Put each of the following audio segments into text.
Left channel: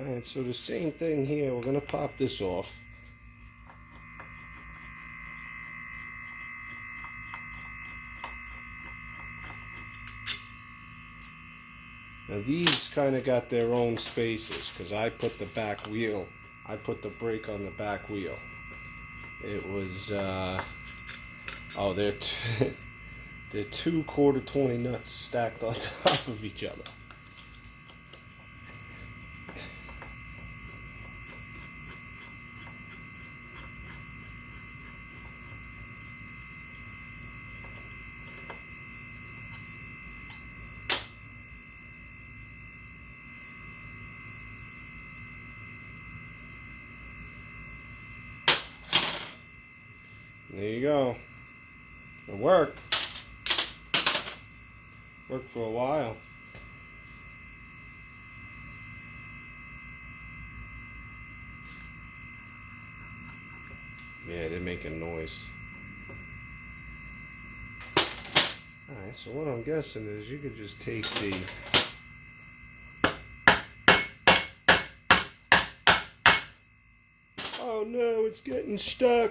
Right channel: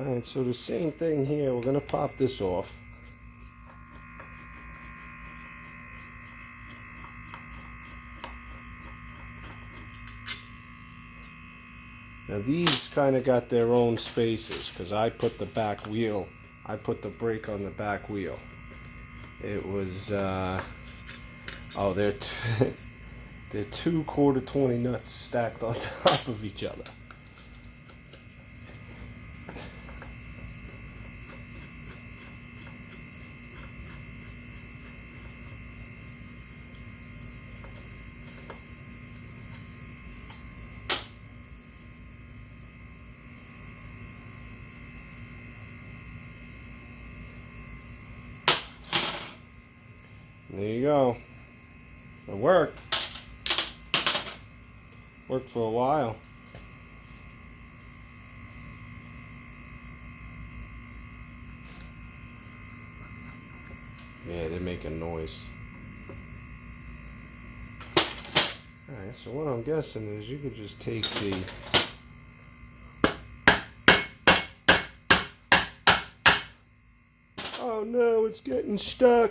Alright, so the same thing here. We're going to pop this off. Now these kind of got their own spaces because I put the back wheel, I put the brake on the back wheel. It was, oh, they're two quarter 20 nuts stacked on top of each other. There you go. It worked. Worked for a while. Yeah, they're making noise. Alright, so what I'm guessing is you could just take the oh no, it's getting stuck.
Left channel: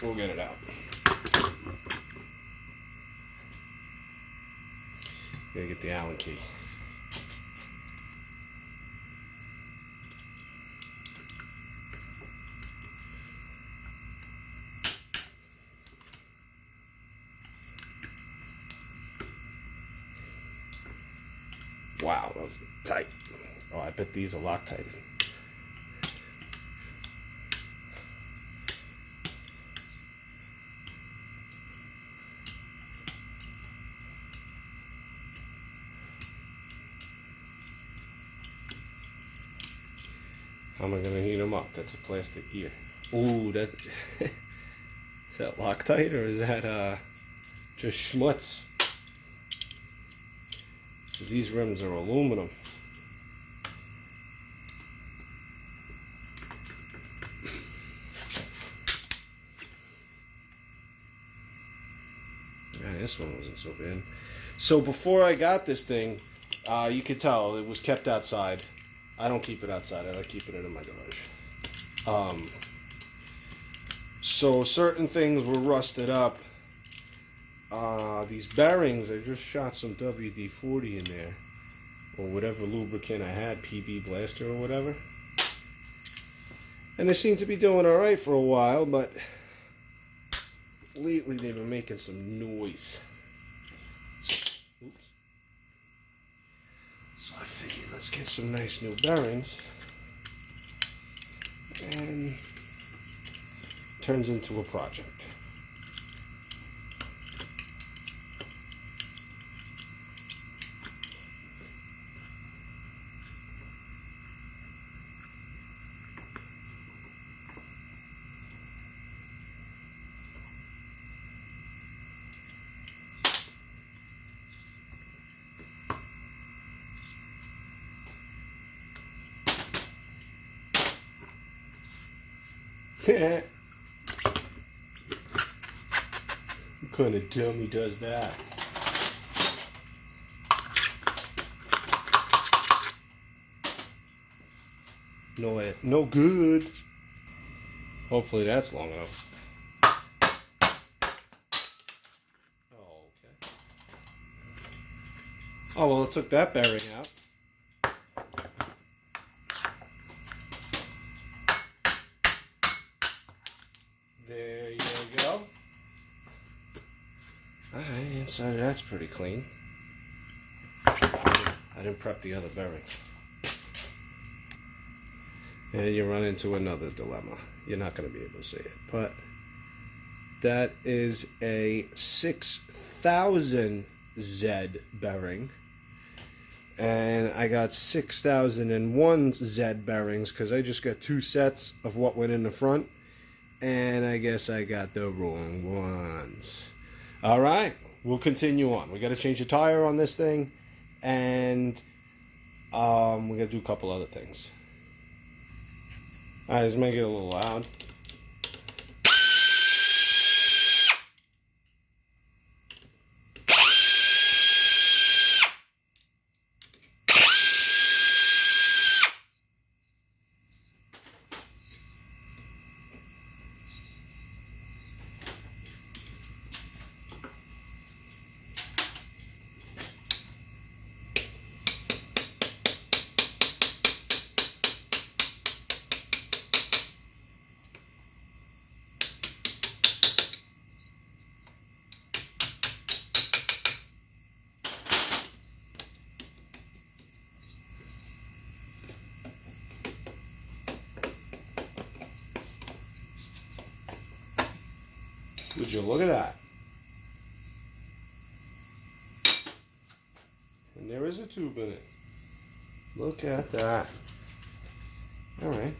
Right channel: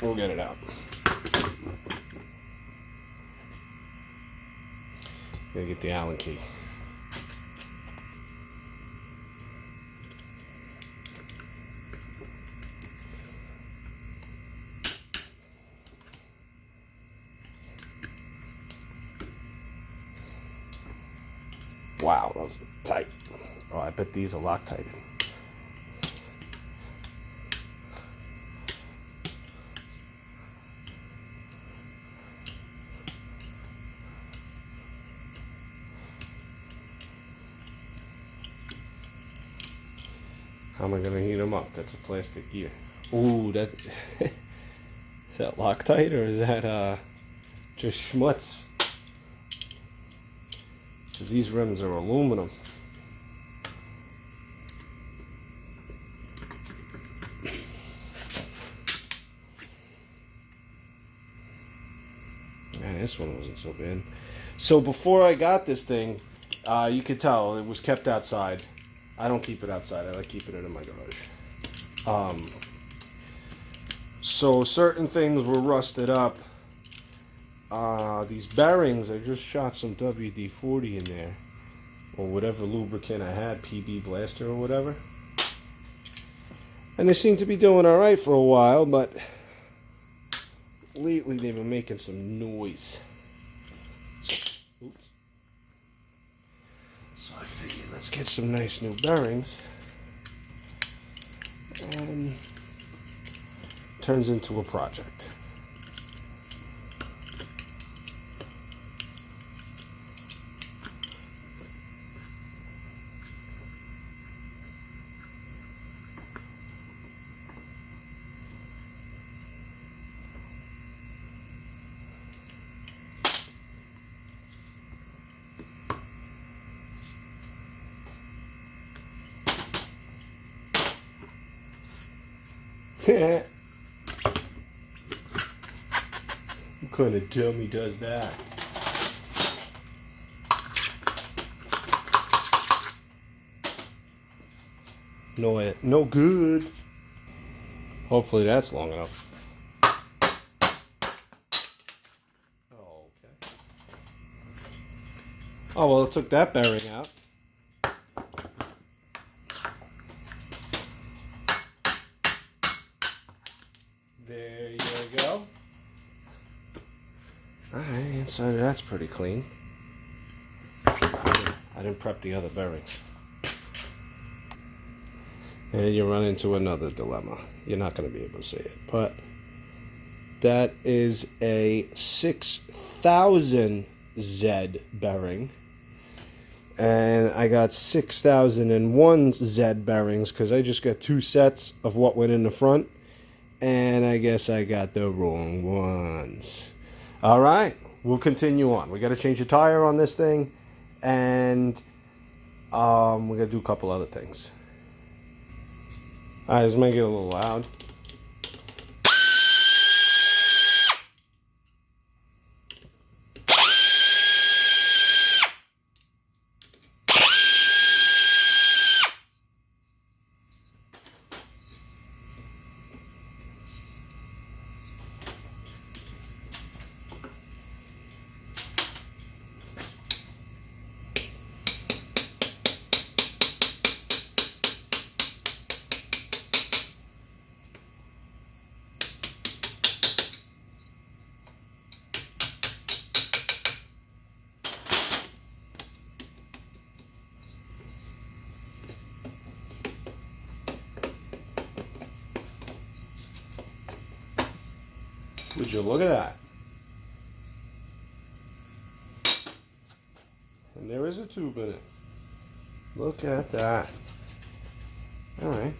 We'll get it out. Gotta get the Allen key. Wow, that was tight. Oh, I bet these are Loctite. How am I going to heat them up? That's a plastic gear. Ooh, that is that Loctite or is that just schmutz? Because these rims are aluminum. This one wasn't so bad. So before I got this thing, you could tell it was kept outside. I don't keep it outside. I like keeping it in my garage. So certain things were rusted up. These bearings, I just shot some WD-40 in there, or whatever lubricant I had, PB Blaster or whatever. And they seem to be doing all right for a while, but lately they've been making some noise. Oops. So I figured let's get some nice new bearings. And turns into a project. What kind of dummy does that? No good. Hopefully that's long enough. Oh, okay. Oh, well, it took that bearing out. There you go. Alright, inside of that's pretty clean. I didn't prep the other bearings. And you run into another dilemma. You're not going to be able to see it, but that is a 6000 Z bearing. And I got 6001 Z bearings because I just got 2 sets of what went in the front. And I guess I got the wrong ones. Alright, we'll continue on. We got to change the tire on this thing. And we got to do a couple other things. Alright, let's make it a little loud. Would you look at that? And there is a tube in it. Look at that. All right.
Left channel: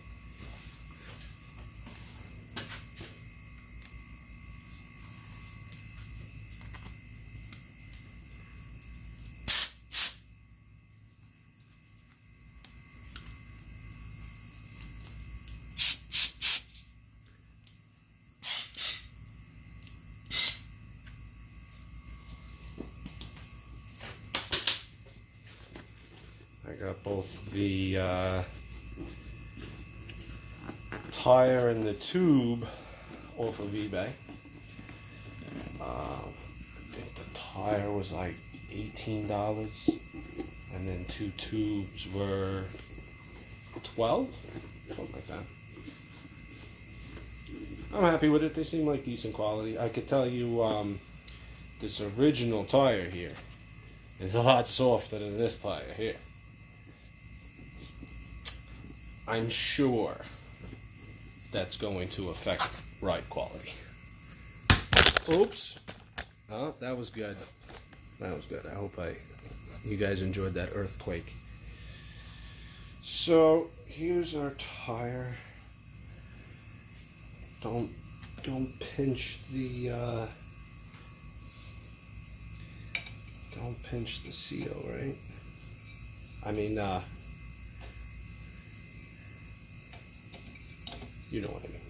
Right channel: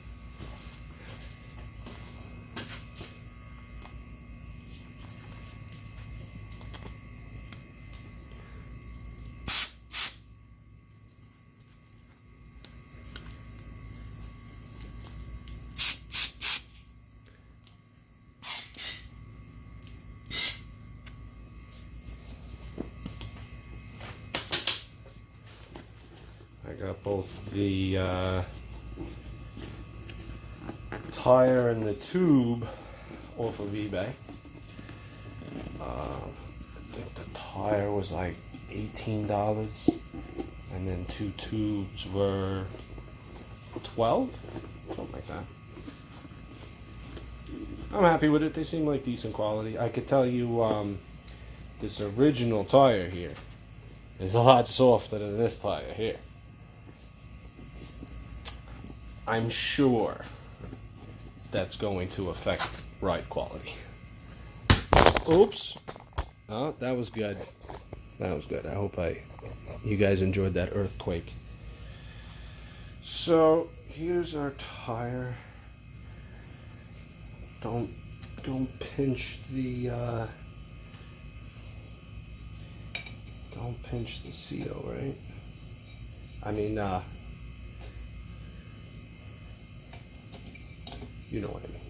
I got both the tire and the tube off of eBay. I think the tire was like $18, and then 2 tubes were $12, something like that. I'm happy with it. They seem like decent quality. I could tell you this original tire here is a lot softer than this tire here. I'm sure that's going to affect ride quality. Oops. Oh, that was good. That was good. I hope you guys enjoyed that earthquake. So here's our tire. Don't pinch the don't pinch the seal, right? I mean, you know what I mean.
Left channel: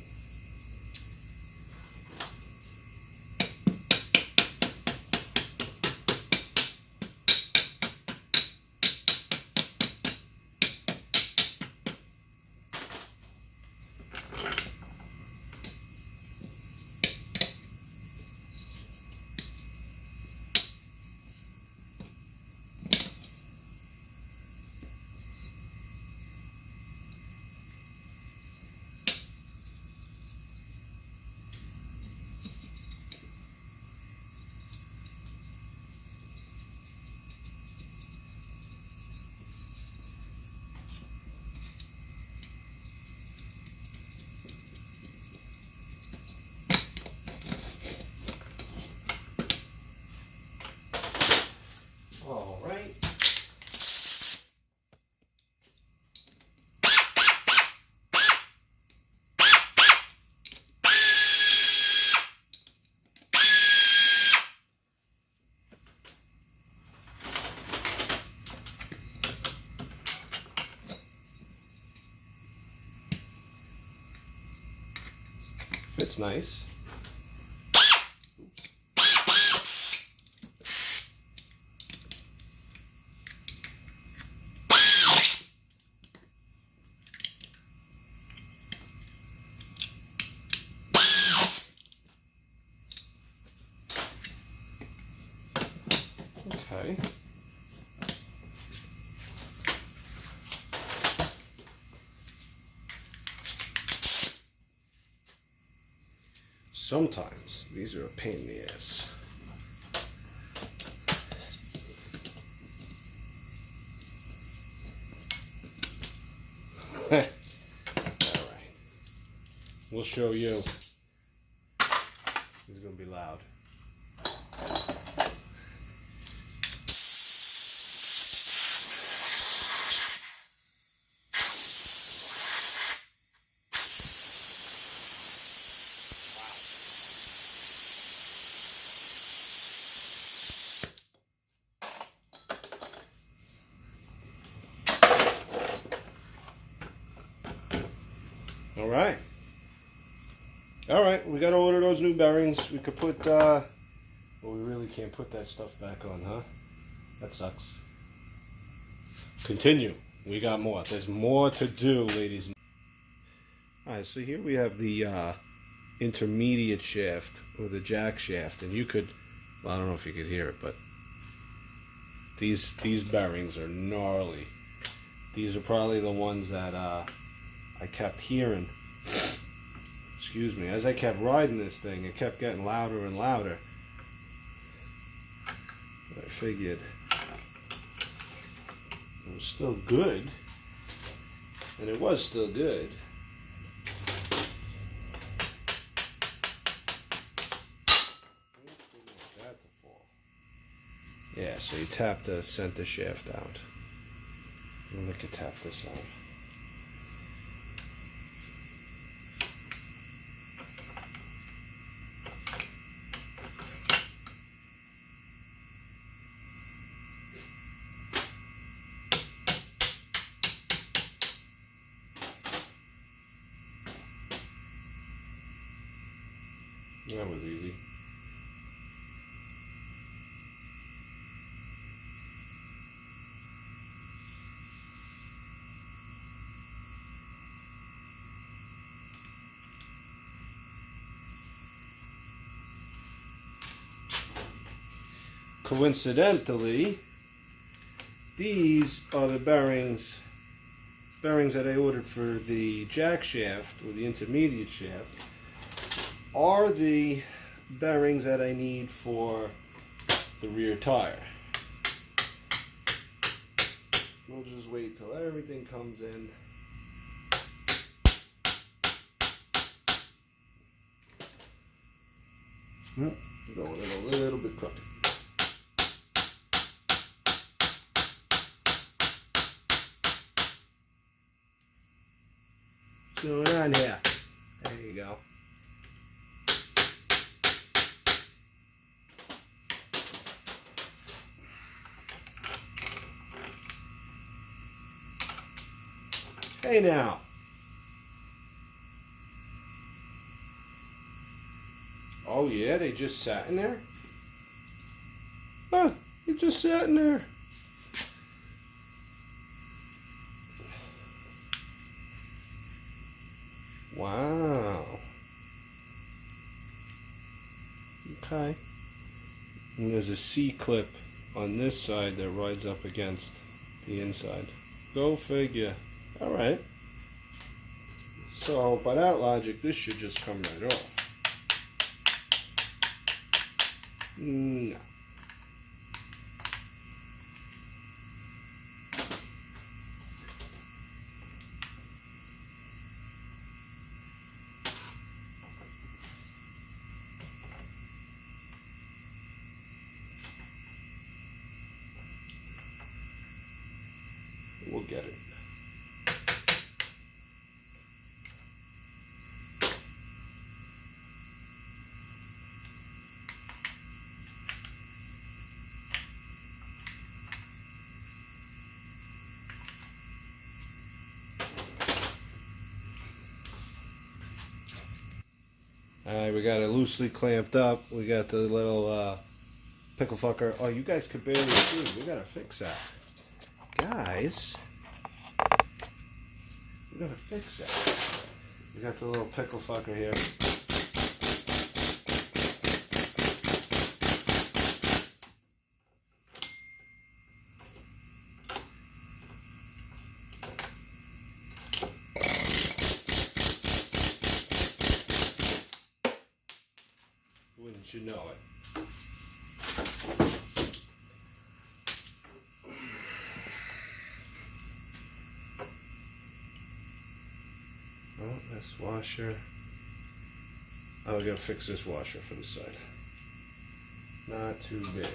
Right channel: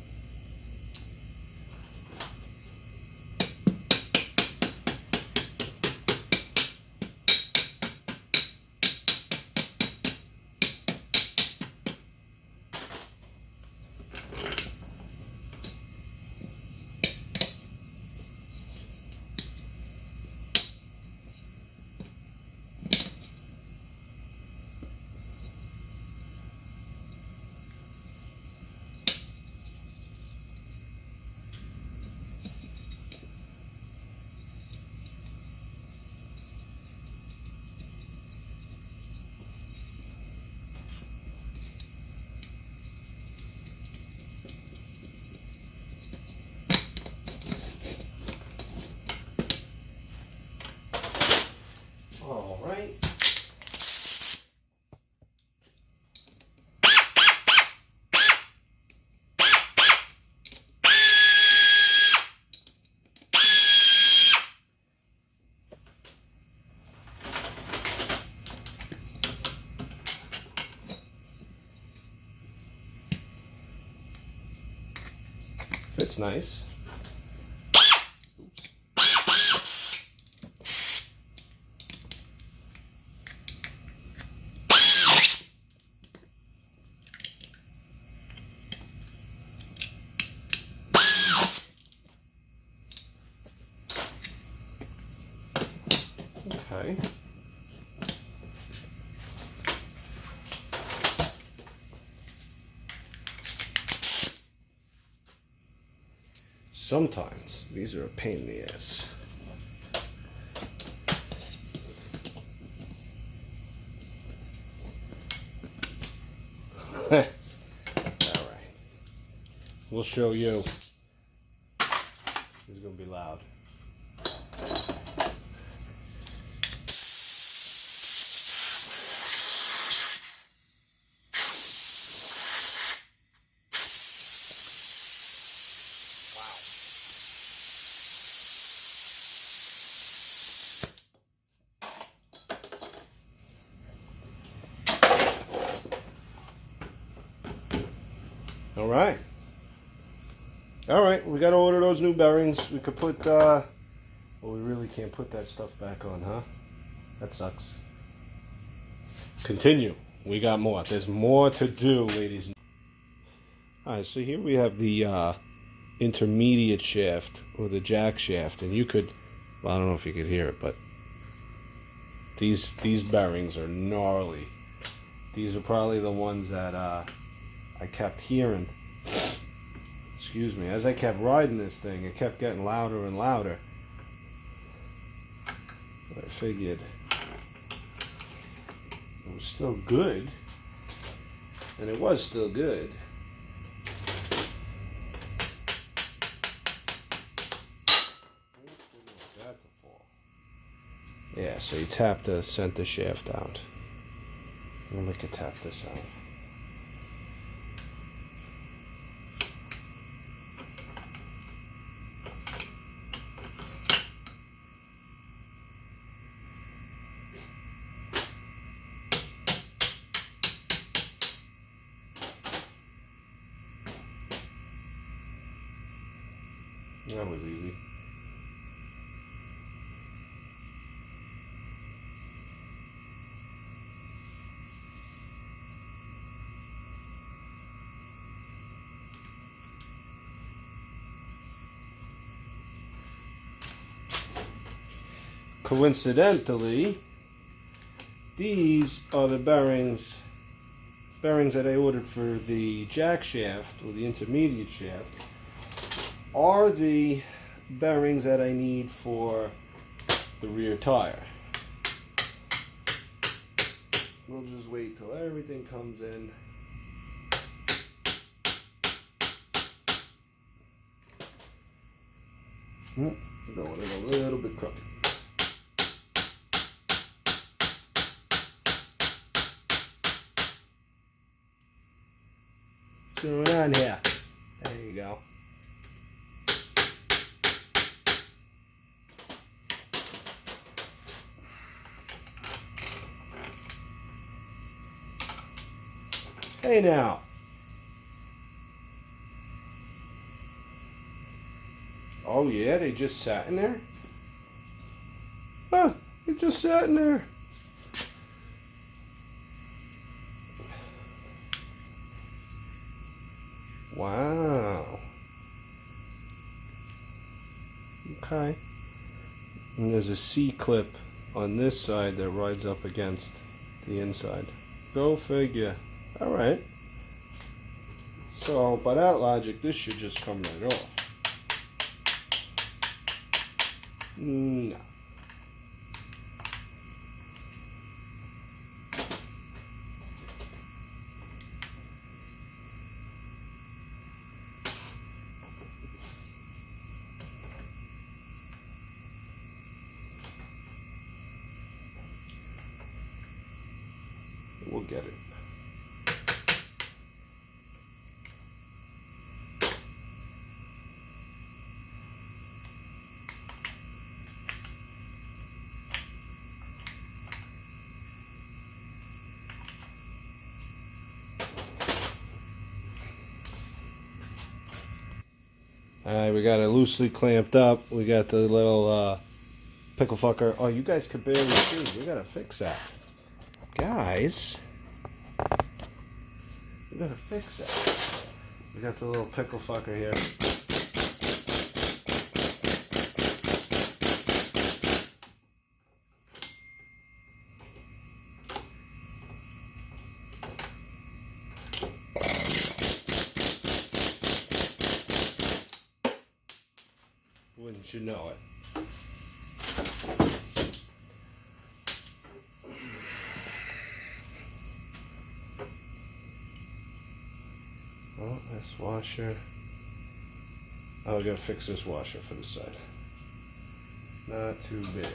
All right. Fits nice. Okay. Sometimes these are a pain in the ass. All right. We'll show you. This is going to be loud. All right, we got to order those new bearings. We could put, well, we really can't put that stuff back on, huh? That sucks. Continue. We got more. There's more to do, ladies. All right, so here we have the intermediate shaft, or the jack shaft, and you could, well, I don't know if you could hear it, but these bearings are gnarly. These are probably the ones that I kept hearing. Excuse me. As I kept riding this thing, it kept getting louder and louder. But I figured it was still good. And it was still good. Yeah, so you tap the center shaft out. I'm going to tap this out. That was easy. Coincidentally, these are the bearings that I ordered for the jack shaft, or the intermediate shaft, are the bearings that I need for the rear tire. We'll just wait till everything comes in. Going in a little bit crooked. What's going on here? There you go. Hey now. Oh yeah, they just sat in there? Huh, they just sat in there. Wow. Okay. And there's a C-clip on this side that rides up against the inside. Go figure. Alright. So, by that logic, this should just come right off. No. We'll get it. Alright, we got it loosely clamped up. We got the little pickle fucker. Oh, you guys could barely see. We gotta fix that. Guys, we gotta fix that. We got the little pickle fucker here. Wouldn't you know it? Oh, this washer. Oh, we gotta fix this washer for the side. Not too bad.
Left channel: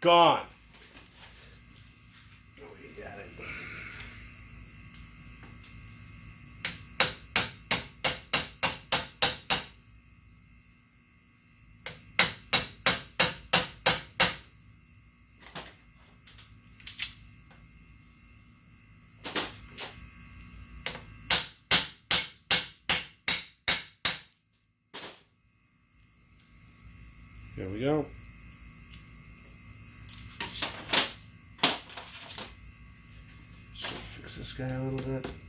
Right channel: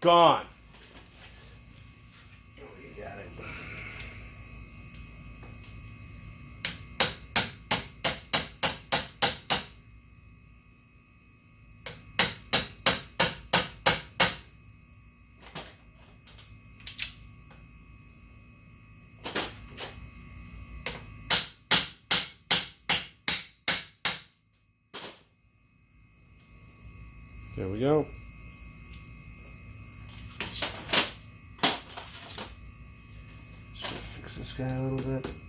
Gone. Oh, you got it. There we go. Just gonna fix this guy a little bit.